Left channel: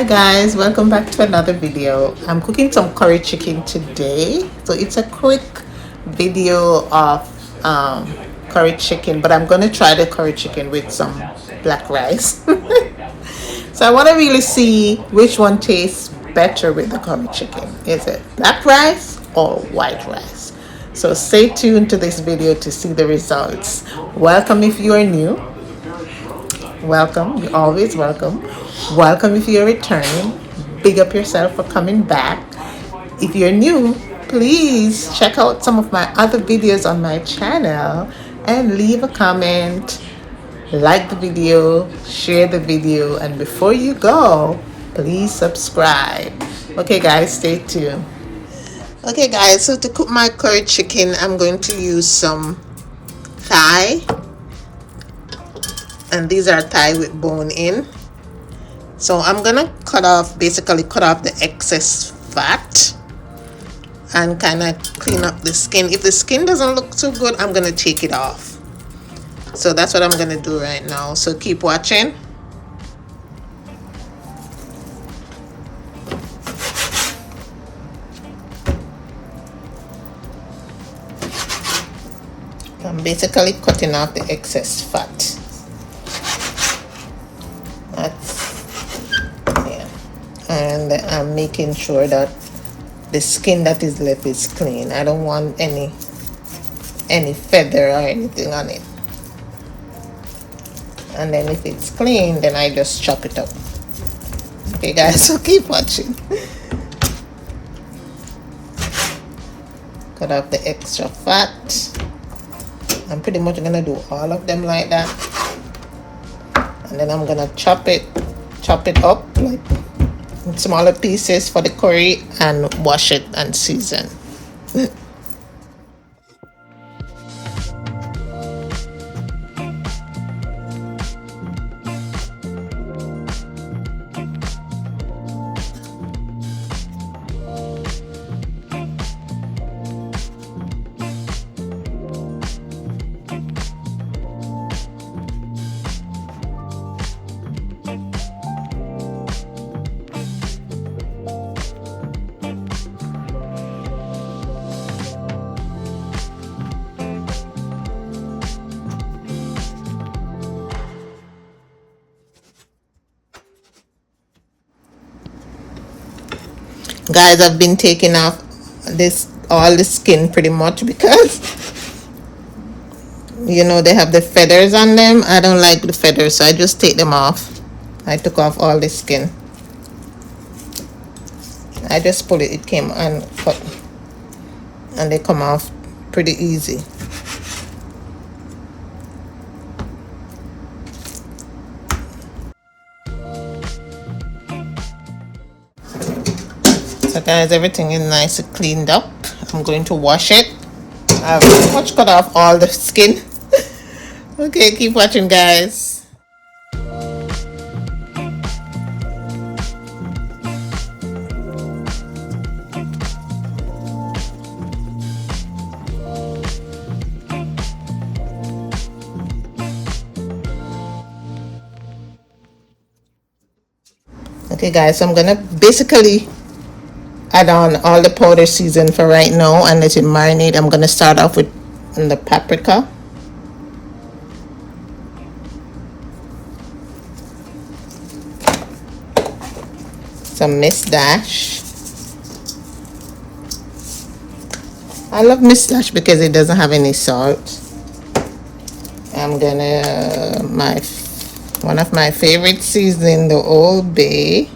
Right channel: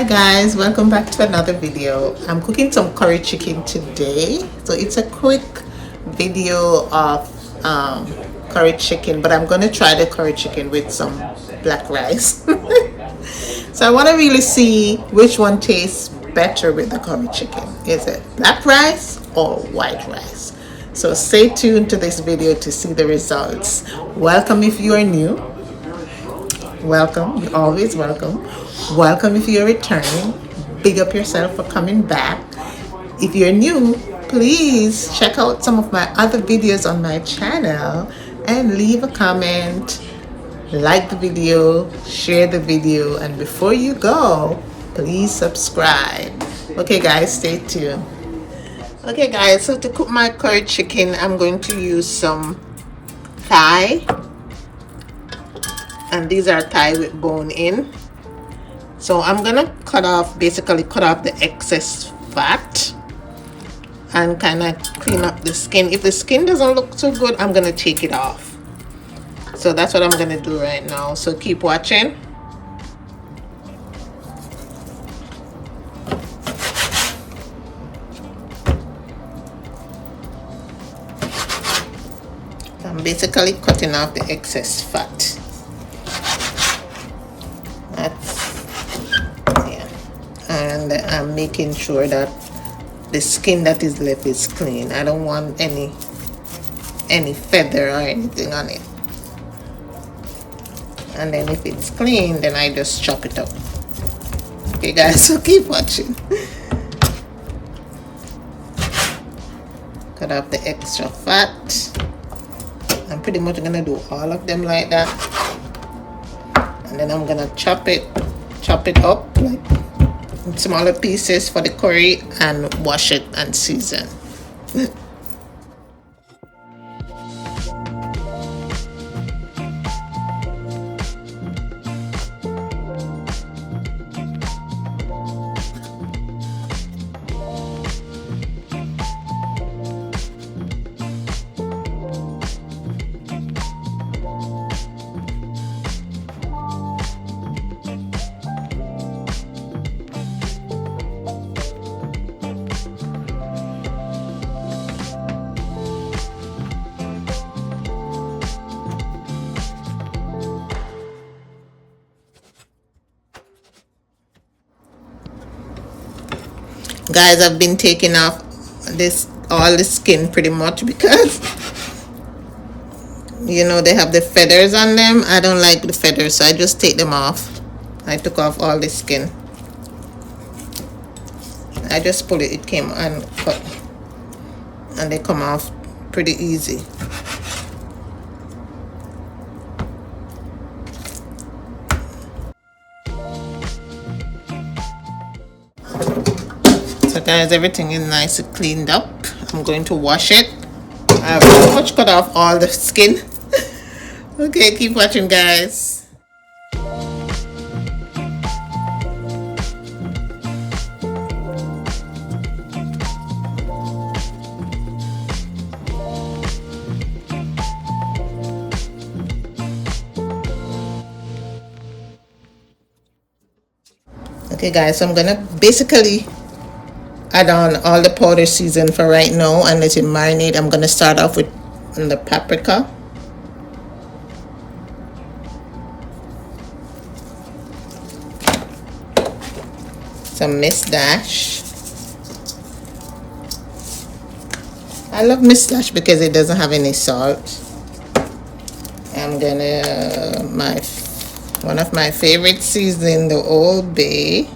Hi guys, welcome back to another video. I'm cooking some curry chicken today. So it's a quick video of curry chicken, but I'm going to try the curry chicken with some black rice. So I want to really see which one tastes better with the curry chicken. Is it black rice or white rice? So stay tuned to this video to see the results. Welcome if you are new. Welcome, you're always welcome. Welcome if you're returning. Big up yourself for coming back. If you're new, please check out some of my other videos on my channel and leave a comment, like the video, share the video, and before you go, please subscribe. Okay guys, stay tuned. Okay guys, so to cook my curry chicken, I'm going to use some thigh, and these are thigh with bone in. So I'm gonna basically cut off the excess fat and kind of clean up the skin. If the skin doesn't look too good, I'm gonna take it off. So that's what I'm gonna do right now. So keep watching. I'm basically cutting off the excess fat. And I'm making sure that the skin that is left is clean. I don't want any feather or anything on it. And then if it's clean, then I just chop it up. Okay guys, so keep watching. Cut off the extra fat. I'm pretty much gonna do all of them like that. And then I'm gonna chop it up like in smaller pieces for the curry and wash it and season. Guys, I've been taking off all the skin pretty much because you know they have the feathers on them. I don't like the feathers, so I just take them off. I took off all the skin. I just pull it came uncut, and they come off pretty easy. So guys, everything is nice and cleaned up. I'm going to wash it. I've pretty much cut off all the skin. Okay, keep watching guys. Okay guys, so I'm gonna basically add on all the powder season for right now and let it marinate. I'm gonna start off with the paprika, some Miss Dash. I love Miss Dash because it doesn't have any salt. I'm gonna one of my favorite seasoning, the Old Bay.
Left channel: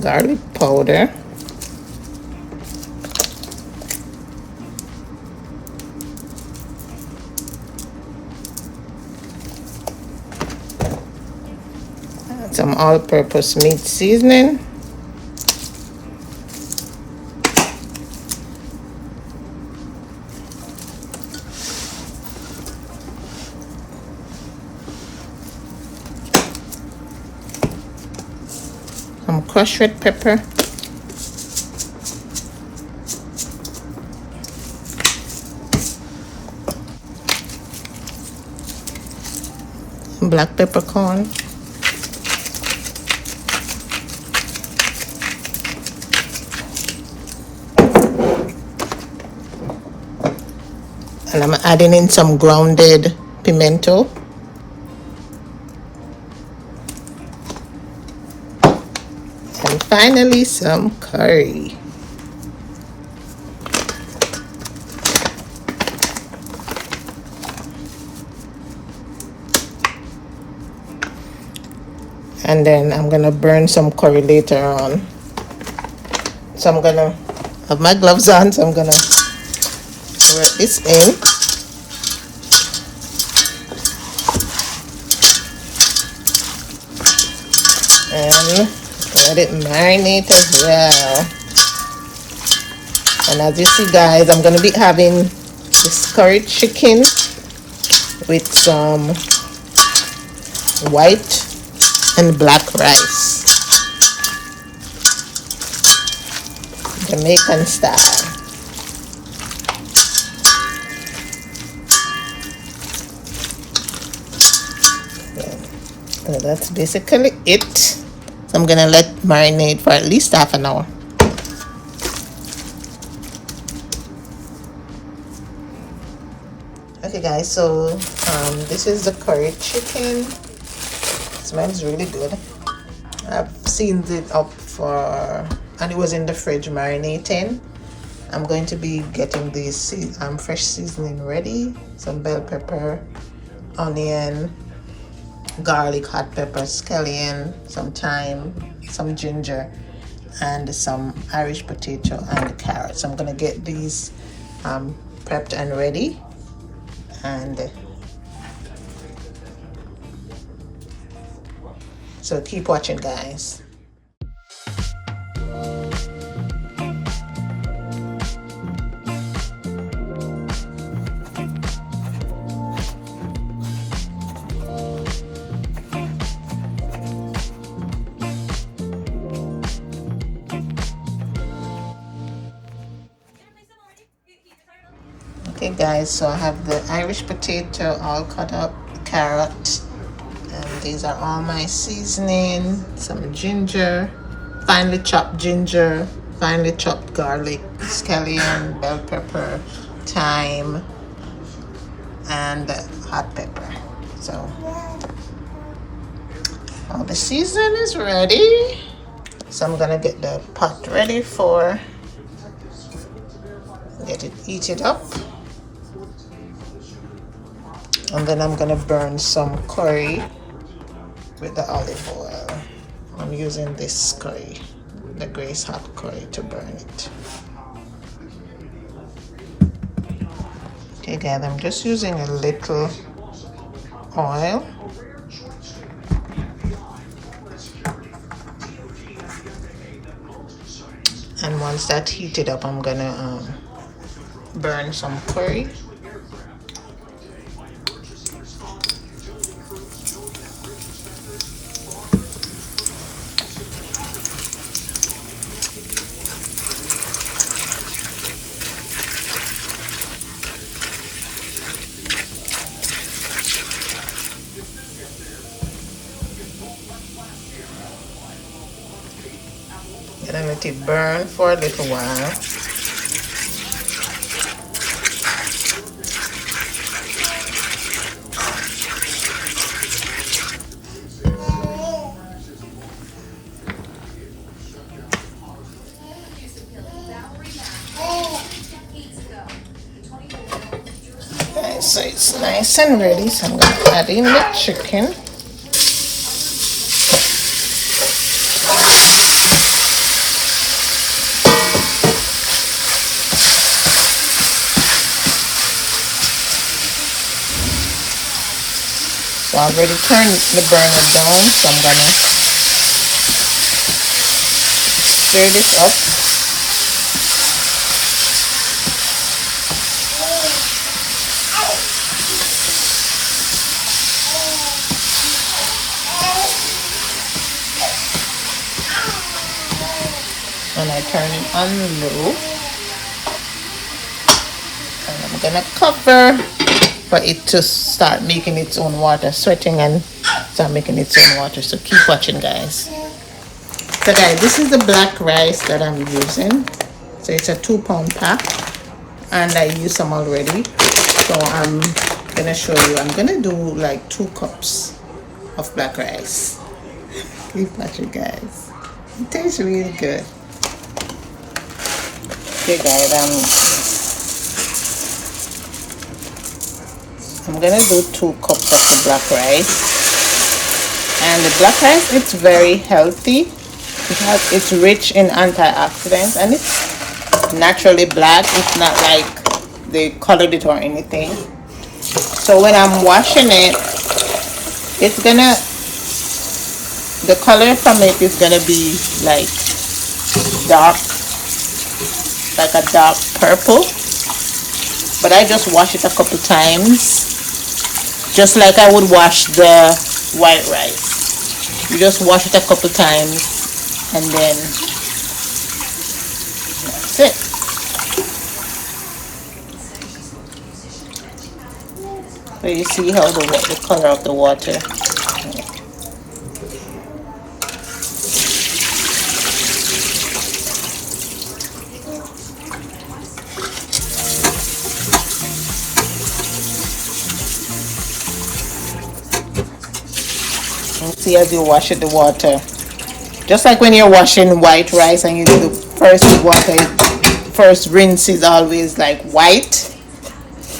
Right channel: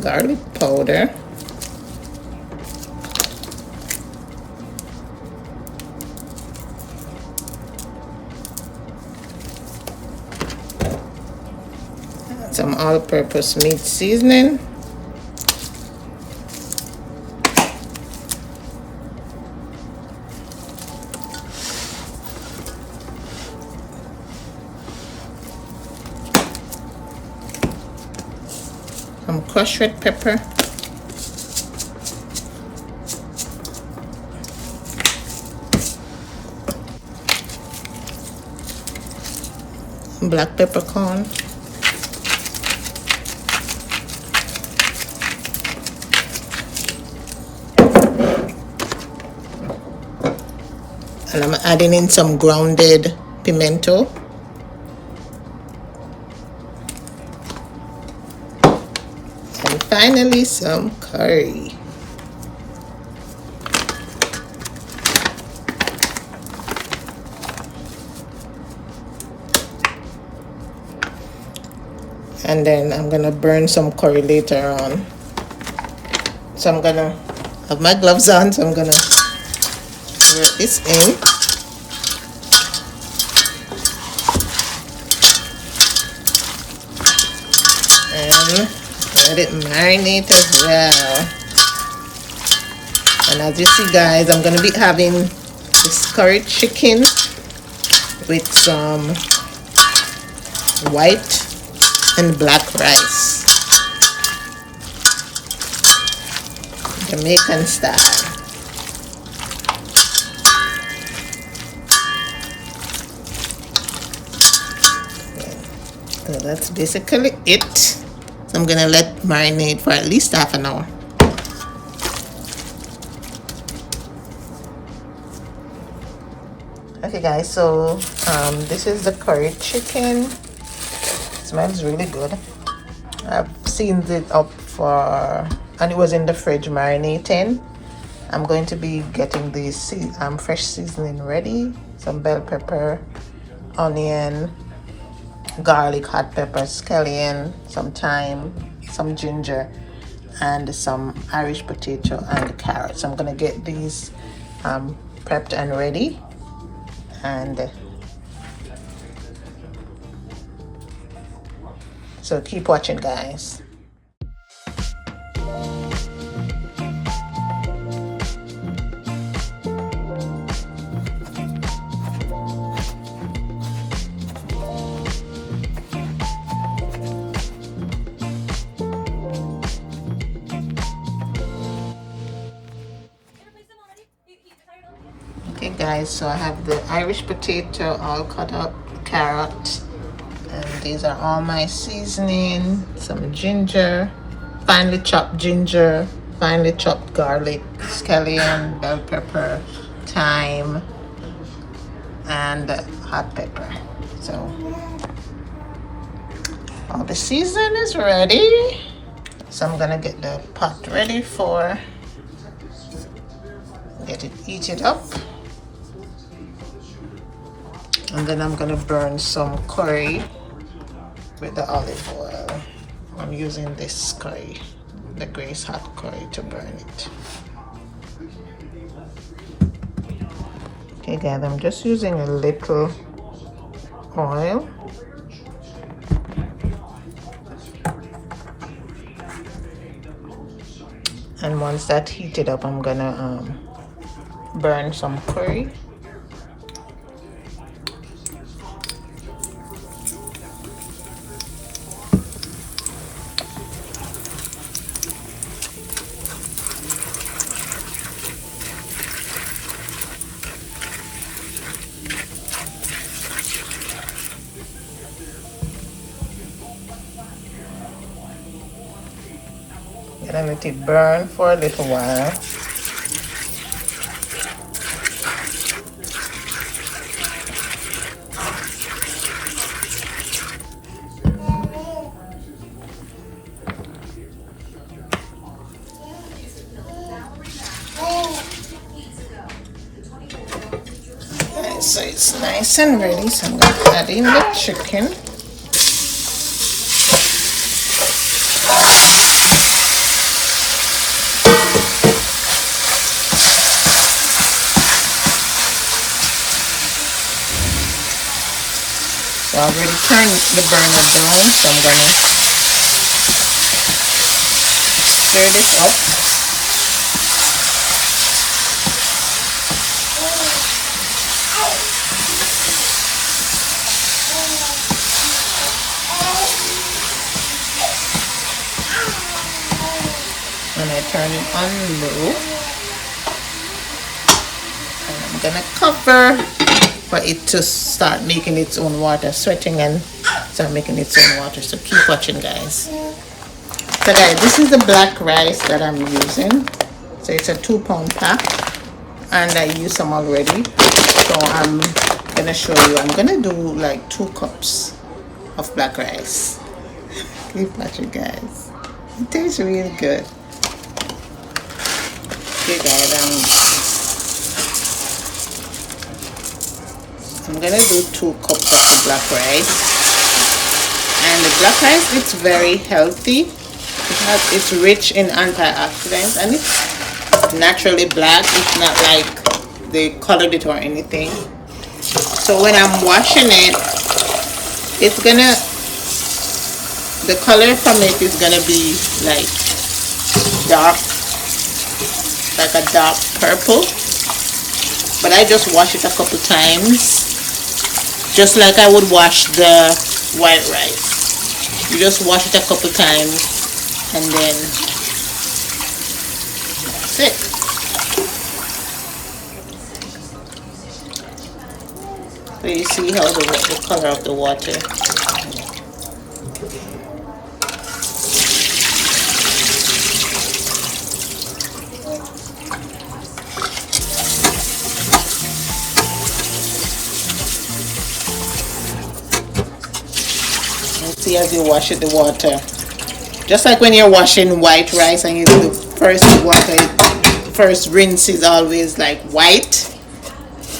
Garlic powder, some all-purpose meat seasoning, some crushed red pepper, black peppercorn. And I'm adding in some grounded pimento. And finally some curry. And then I'm gonna burn some curry later on. So I'm gonna have my gloves on, so I'm gonna work this in. And let it marinate as well. And as you see, guys, I'm gonna be having this curry chicken with some white and black rice, Jamaican style. So that's basically it. So I'm gonna let marinate for at least half an hour. Okay guys, so this is the curry chicken. It smells really good. I've seasoned it up and it was in the fridge marinating. I'm going to be getting this fresh seasoning ready. Some bell pepper, onion, garlic, hot pepper, scallion, some thyme, some ginger, and some Irish potato and carrots. I'm gonna get these prepped and ready, and so keep watching, guys. Okay guys, so I have the Irish potato all cut up, carrot, and these are all my seasoning. Some ginger, finely chopped ginger, finely chopped garlic, scallion, bell pepper, thyme, and hot pepper. So all the seasoning is ready. So I'm gonna get the pot ready for heat it up. And then I'm gonna burn some curry with the olive oil. I'm using this curry, the Grace Hot curry, to burn it. Okay guys, I'm just using a little oil. And once that heated up, I'm gonna burn some curry. And let it burn for a little while. Okay, so it's nice and ready, so I'm going to add in the chicken. So I've already turned the burner down, so I'm gonna stir this up. And I turn it on low. And I'm gonna cover for it to start making its own water, sweating and start making its own water. So keep watching, guys. So guys, this is the black rice that I'm using. So it's a 2-pound pack, and I used some already. So I'm gonna show you. I'm gonna do like 2 cups of black rice. Keep watching, guys. It tastes really good. Okay, guys, I'm gonna do 2 cups of the black rice. And the black rice, it's very healthy. It's rich in antioxidants, and it's naturally black. It's not like they colored it or anything. So when I'm washing it, it's gonna, the color from it is gonna be like dark, like a dark purple. But I just wash it a couple times, just like I would wash the white rice. You just wash it a couple times, and then that's it. So you see how the color of the water. See as you wash it, the water, just like when you're washing white rice and you do the first water, first rinse is always like white,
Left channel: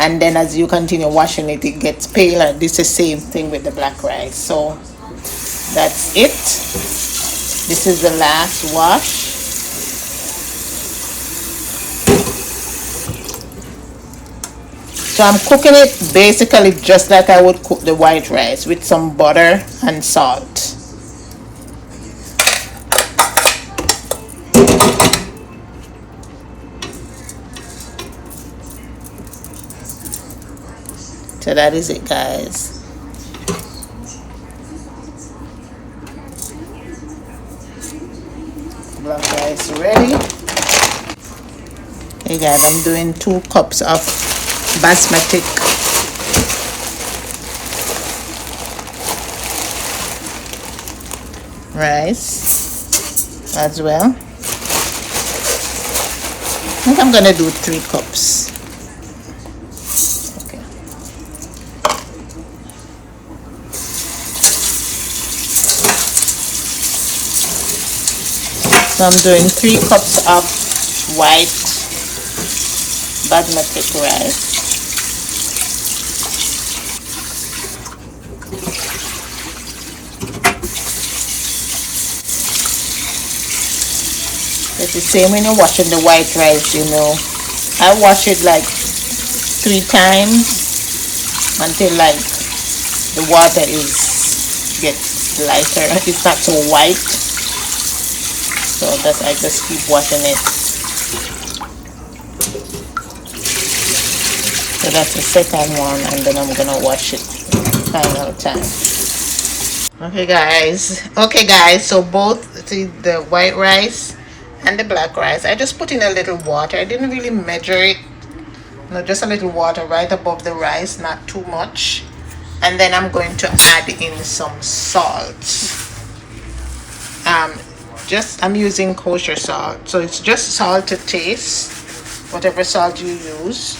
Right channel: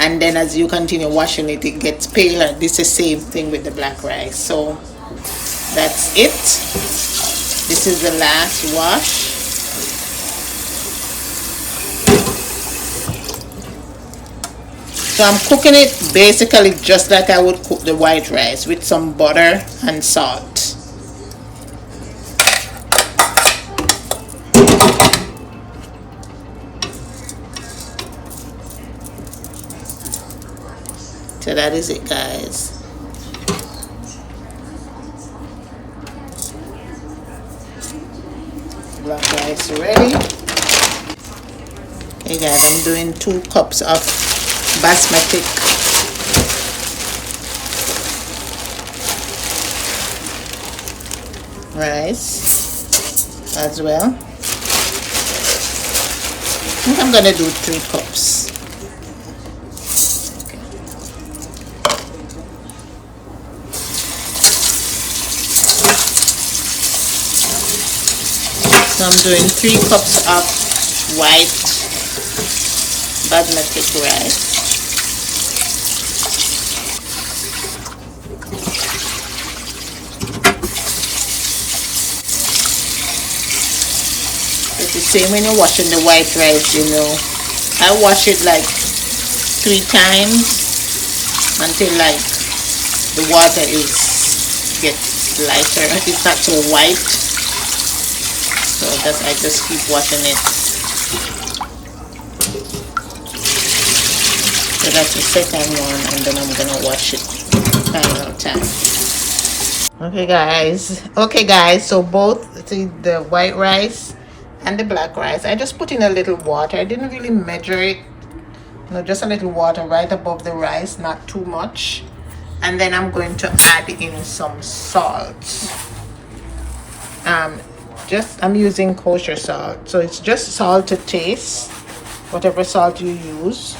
and then as you continue washing it, it gets paler. This is the same thing with the black rice. So that's it. This is the last wash. So I'm cooking it basically just like I would cook the white rice, with some butter and salt. So that is it, guys. Black rice ready. Okay, guys, I'm doing 2 cups of basmati rice as well. I think I'm gonna do 3 cups. Okay. So I'm doing 3 cups of white basmati rice. It's the same when you're washing the white rice, you know. I wash it like 3 times until like the water gets lighter. It's not so white. So I just keep washing it. So that's the second one, and then I'm gonna wash it final time. Okay guys, so both the white rice and the black rice, I just put in a little water. I didn't really measure it, just a little water right above the rice, not too much. And then I'm going to add in some salt. I'm using kosher salt, so it's just salt to taste, whatever salt you use.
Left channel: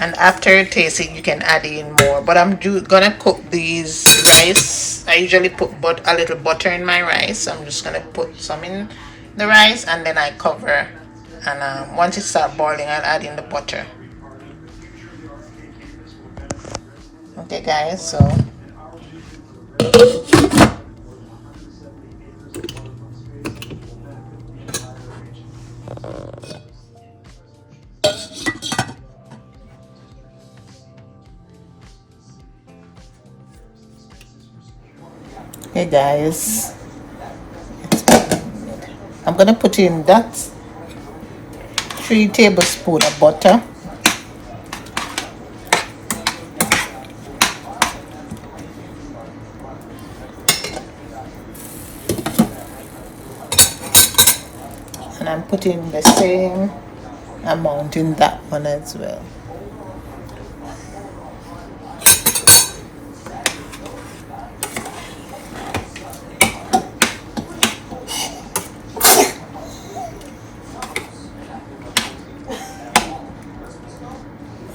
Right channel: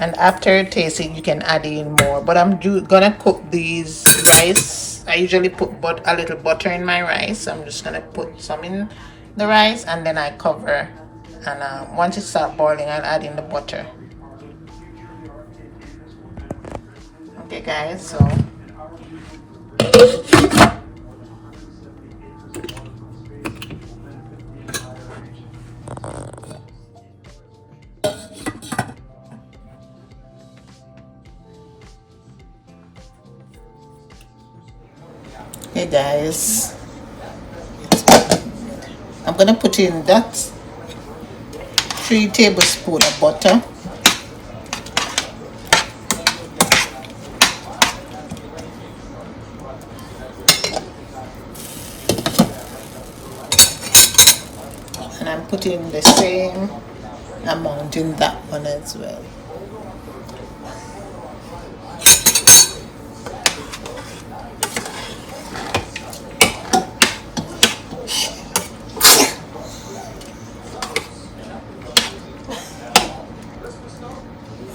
And after tasting, you can add in more, but I'm gonna cook these rice. I usually put a little butter in my rice, so I'm just gonna put some in the rice, and then I cover, and once it starts boiling, I'll add in the butter. Okay guys, so Okay guys, I'm gonna put in that 3 tablespoons of butter. And I'm putting the same amount in that one as well.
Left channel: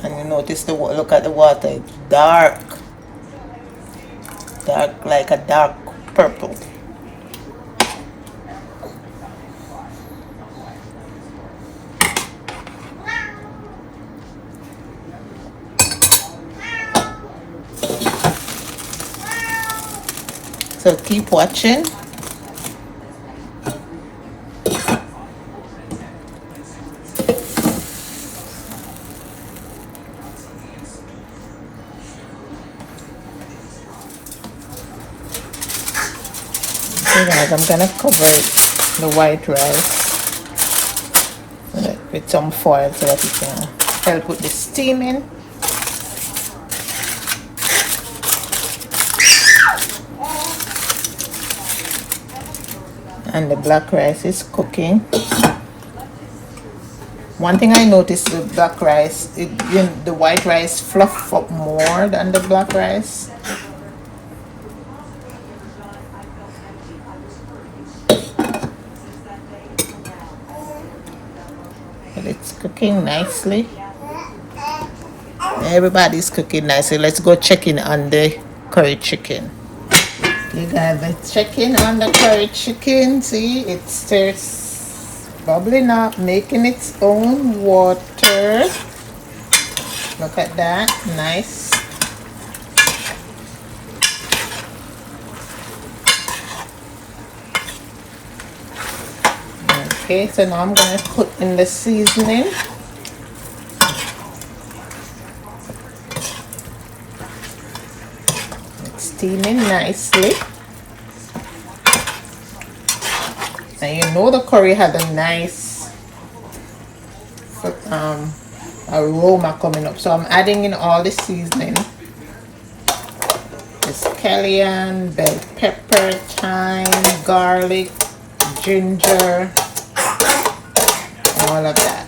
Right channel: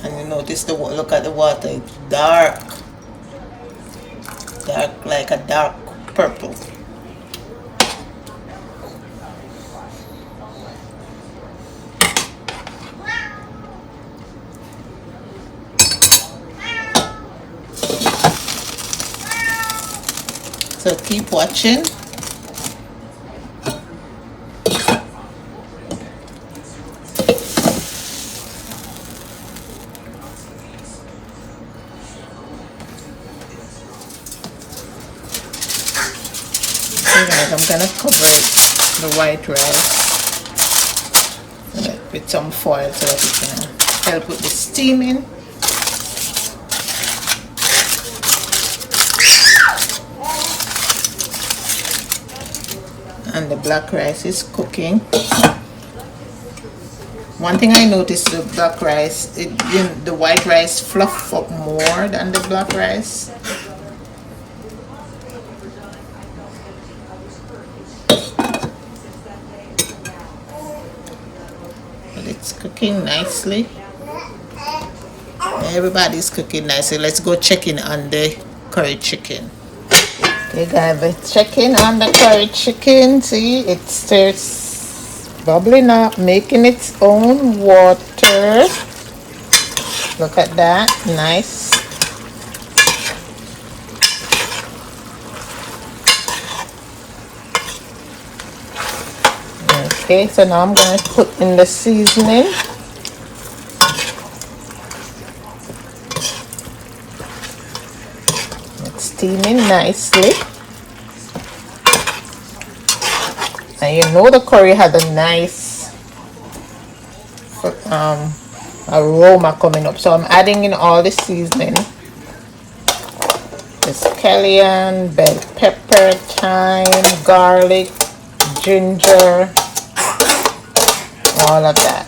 And you notice the look at the water, it's dark like a dark purple. So keep watching. Okay guys, I'm gonna cover the white rice with some foil so that it can help with the steaming. And the black rice is cooking. One thing I noticed with black rice, the white rice fluff up more than the black rice. But it's cooking nicely. Everybody's cooking nicely. Let's go check in on the curry chicken. Okay guys, let's check in on the curry chicken. See, it starts bubbling up, making its own water. Look at that, nice. Okay, so now I'm going to put in the seasoning. It's steaming nicely. And you know the curry had a nice aroma coming up. So I'm adding in all the seasoning. The scallion, bell pepper, thyme, garlic, ginger, all of that.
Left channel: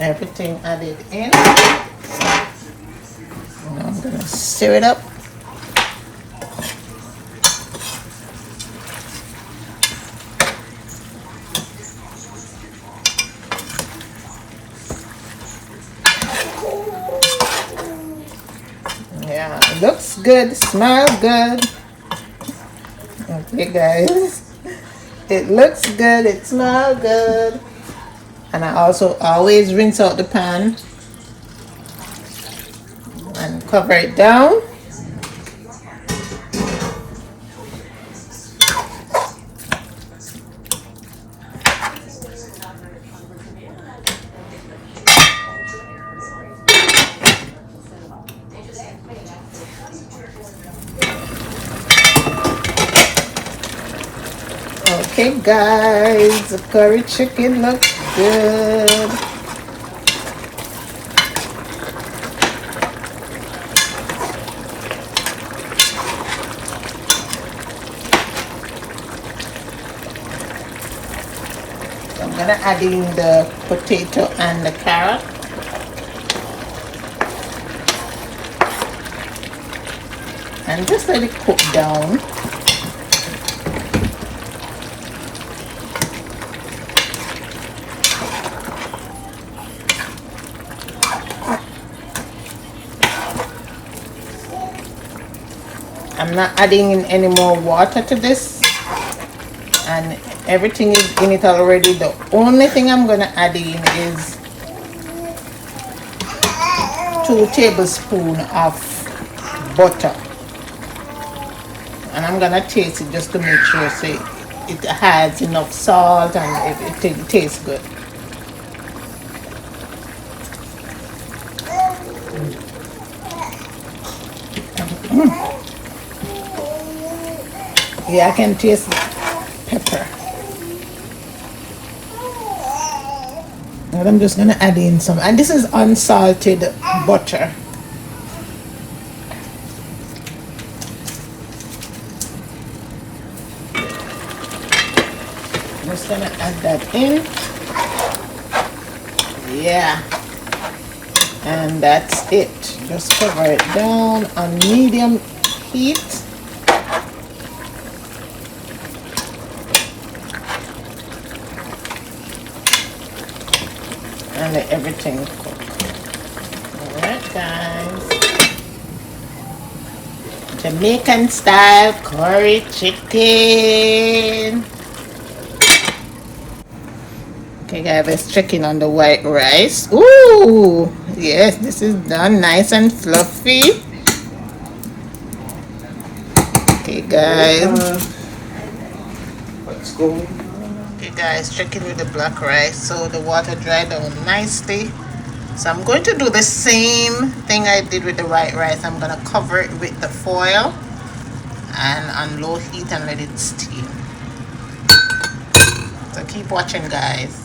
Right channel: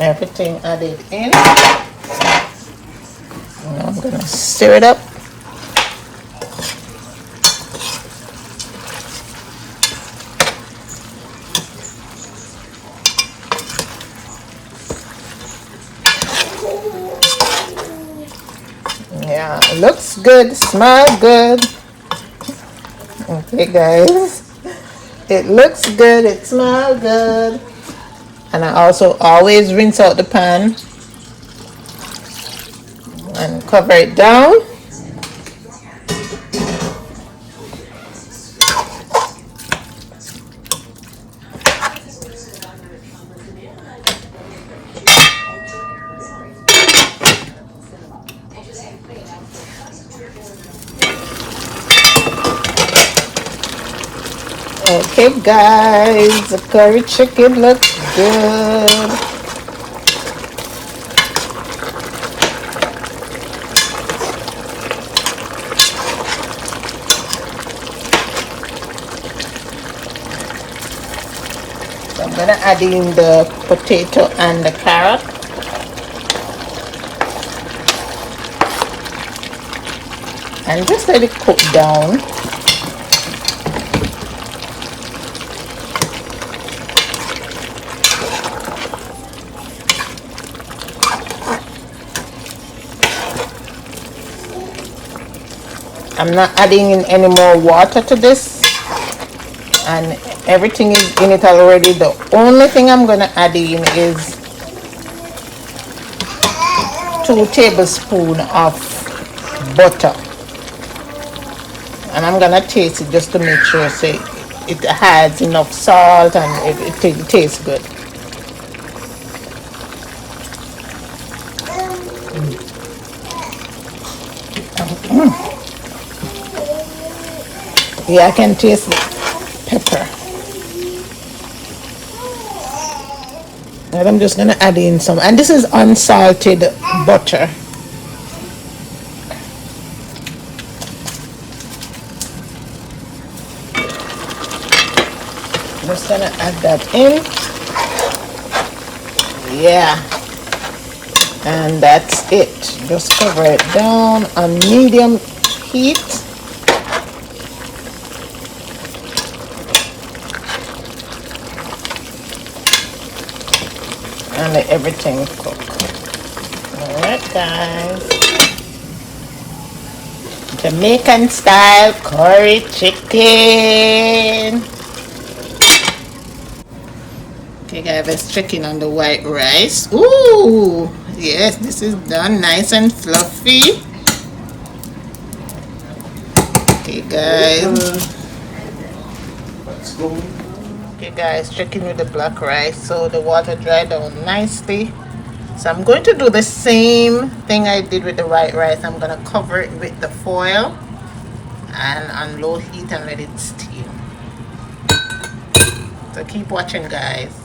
Everything added in. Now I'm gonna stir it up. Yeah, it looks good, smells good. Okay guys, it looks good, it smells good. And I also always rinse out the pan and cover it down. Okay guys, the curry chicken looks good. So I'm gonna add in the potato and the carrot. And just let it cook down. I'm not adding in any more water to this, and everything is in it already. The only thing I'm going to add in is 2 tablespoons of butter, and I'm going to taste it just to make sure it has enough salt and it tastes good. Yeah, I can taste the pepper. And I'm just gonna add in some, and this is unsalted butter. I'm just gonna add that in. Yeah, and that's it. Just cover it down on medium heat. And let everything cook. Alright guys. Jamaican style curry chicken. Okay guys, let's check in on the white rice. Ooh, yes, this is done nice and fluffy. Okay guys. Okay guys, checking with the black rice. So the water dried down nicely. So I'm going to do the same thing I did with the white rice. I'm going to cover it with the foil and on low heat and let it steam. So keep watching guys.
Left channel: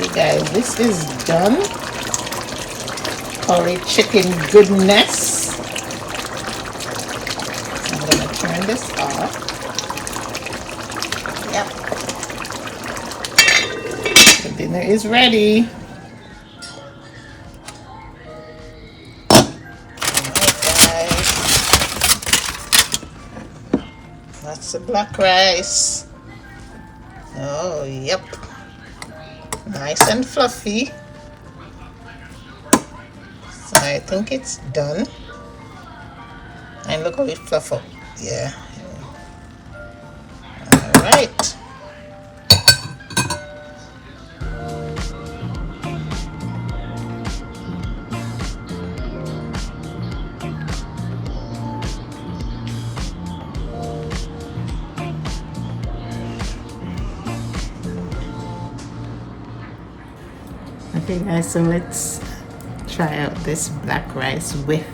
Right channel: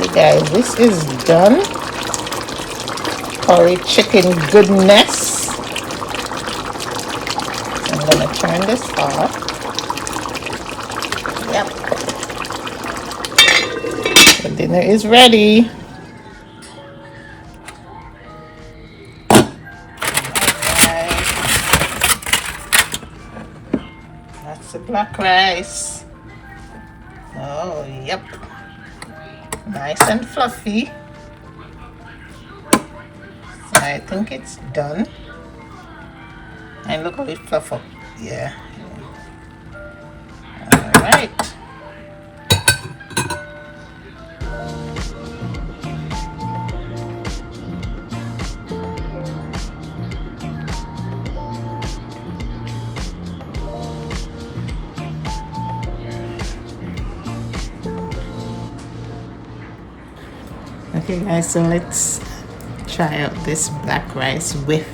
Okay guys, this is done. Curry chicken goodness. I'm gonna turn this off. Yep. The dinner is ready. Alright guys. That's the black rice. Oh yep. Nice and fluffy. So I think it's done. And look how it fluff up. Yeah. Alright. Okay guys, so let's try out this black rice with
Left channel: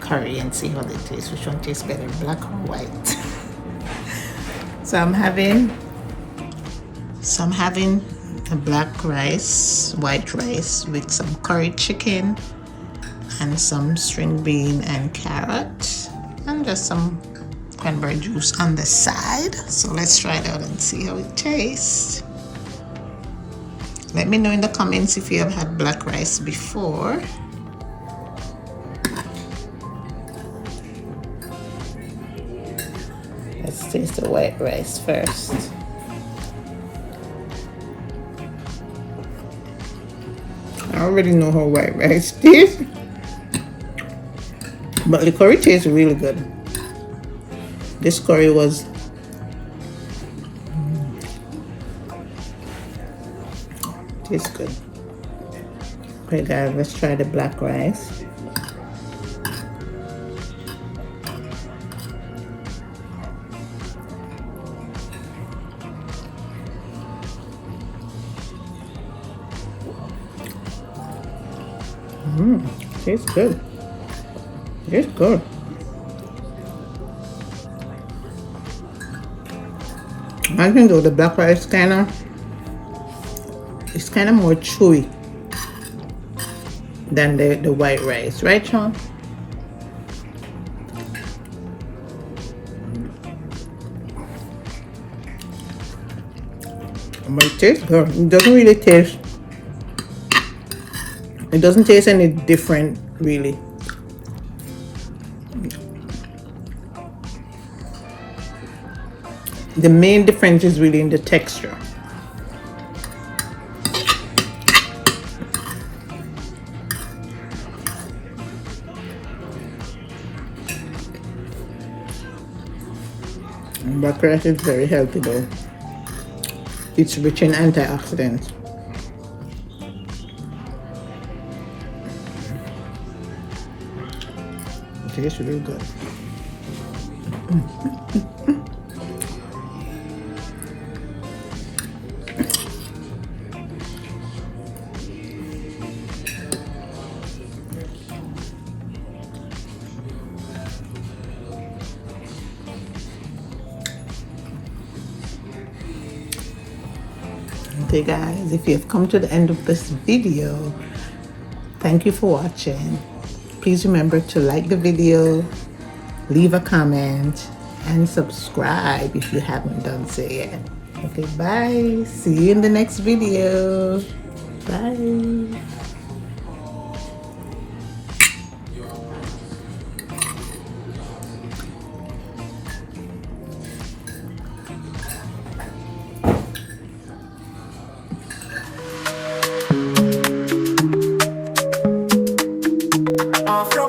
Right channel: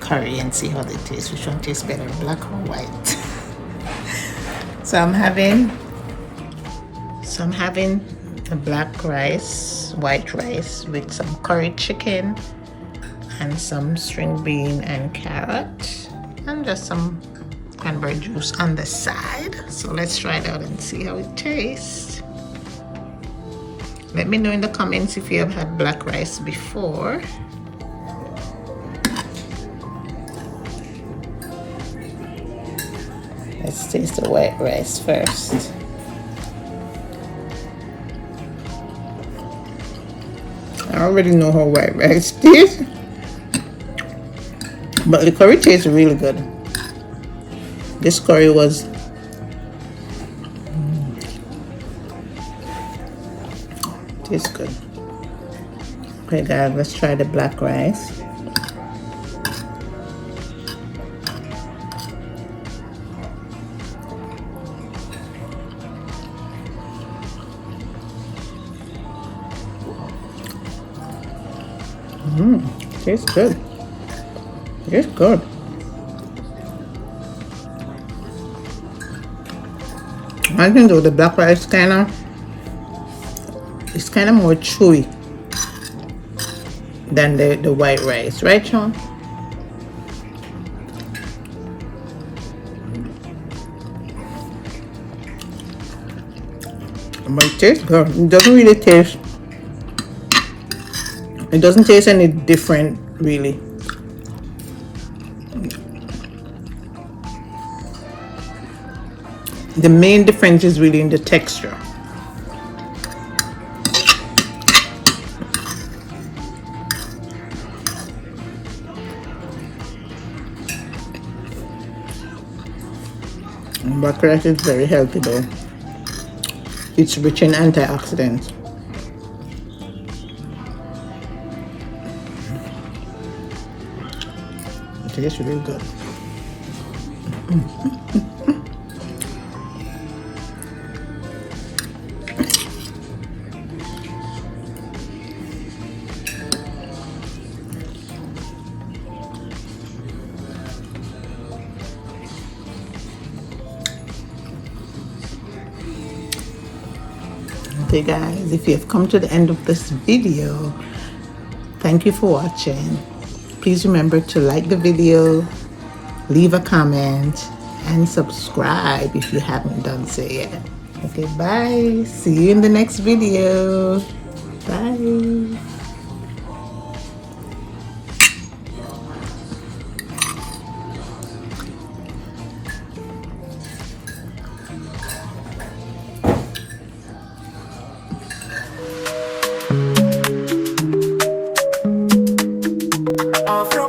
curry and see how they taste. Which one tastes better, black or white? So I'm having a black rice, white rice with some curry chicken and some string bean and carrot and just some cranberry juice on the side. So let's try it out and see how it tastes. Let me know in the comments if you have had black rice before. Let's taste the white rice first. I already know how white rice tastes, but the curry tastes really good. This curry was tastes good. Okay guys, let's try the black rice. Tastes good. It's good. I think though the black rice it's kind of more chewy than the white rice, right, Sean? But it tastes good. It doesn't really taste. It doesn't taste any different, really. The main difference is really in the texture. Buckrat is very healthy though. It's rich in antioxidants. It tastes really good. Okay guys, if you have come to the end of this video, thank you for watching. Please remember to like the video, leave a comment, and subscribe if you haven't done so yet. Okay, bye. See you in the next video. Bye. Off your